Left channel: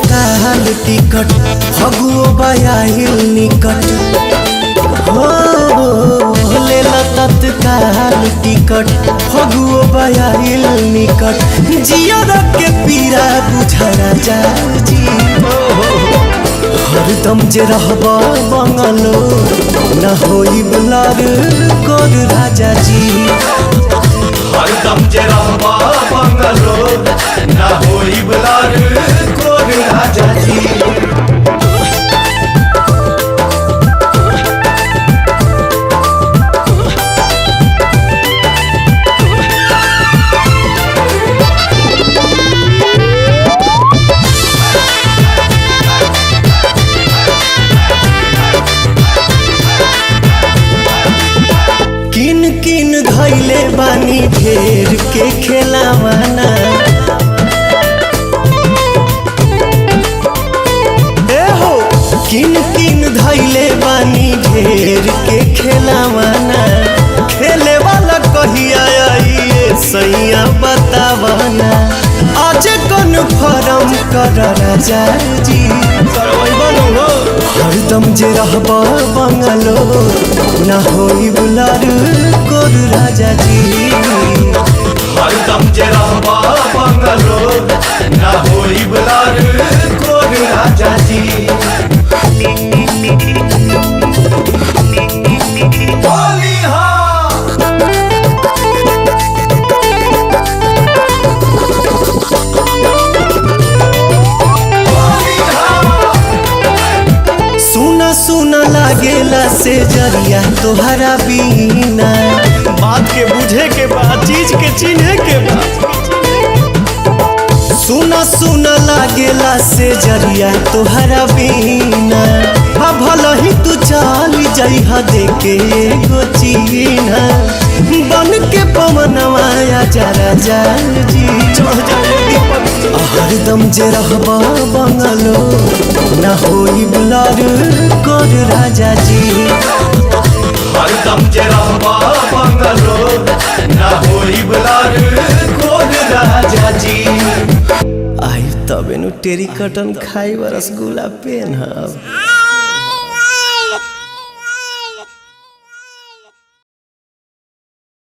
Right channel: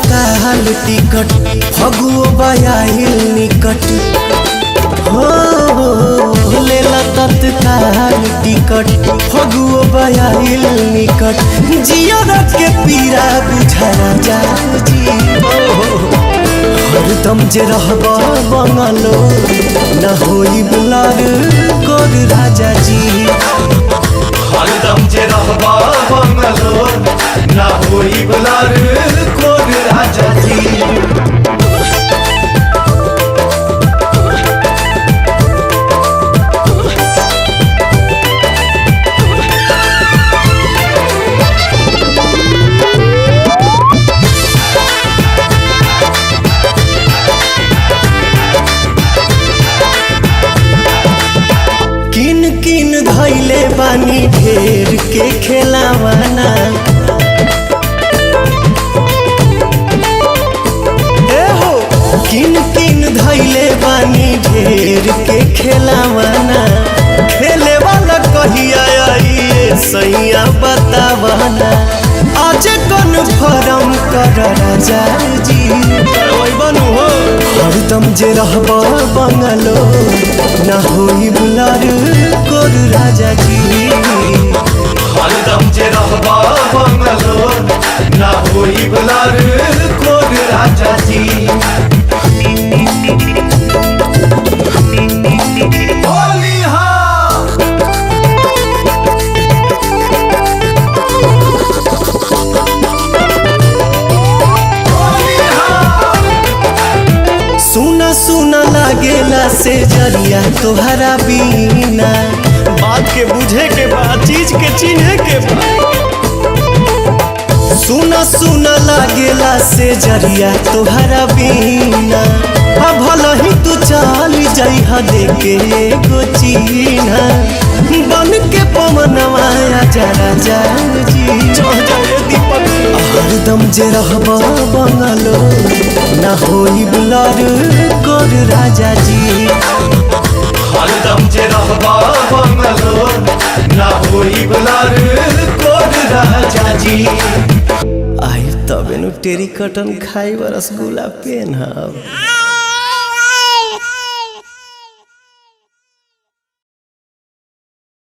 तत्काल टिकट फगुओ बयाहिल निकट हो लेला तत्काल टिकट फगुओ बयाहिल निकट जियर के पीरा बुझा राजा जी हरदम जे रहबा बंगलो न होई बुलार कोर राजा जी हरदम जे रहबा बंगलो ना होई बुलार कोर राजा जी। किन किन धैले बानी ढेर के खेलावाना ए हो किन किन धैले बानी ढेर के खेलावाना खेले वाला कहिया आइए सैया बतावाना आज कन्फर्म कर राजा जी बनू हो हरदम जे रहबा बंगलो ना होई बुलार कोर राजा जी हरदम जे रहबा बंगलो ना होई बुलार कोर राजा जी। होली हा सुना सुना लागेला से जरिया तोहरा बीना बात के बुझे के बाद चीज के चिन्हे के बाद सुना सुना लागेला से जरिया तोहरा बीना भला ही तू चल जइहा देके एगो चीना बन के पवनवा आजा राजा जी दीपक हरदम जे रहबा बंगलो ना होई बुलार कोर राजा जी हरदम जे रहबा बंगलो ना होई बुलार कोर राजा जी। आई तबे नु टेरी कटन खाई रसगुल्ला पेन हब।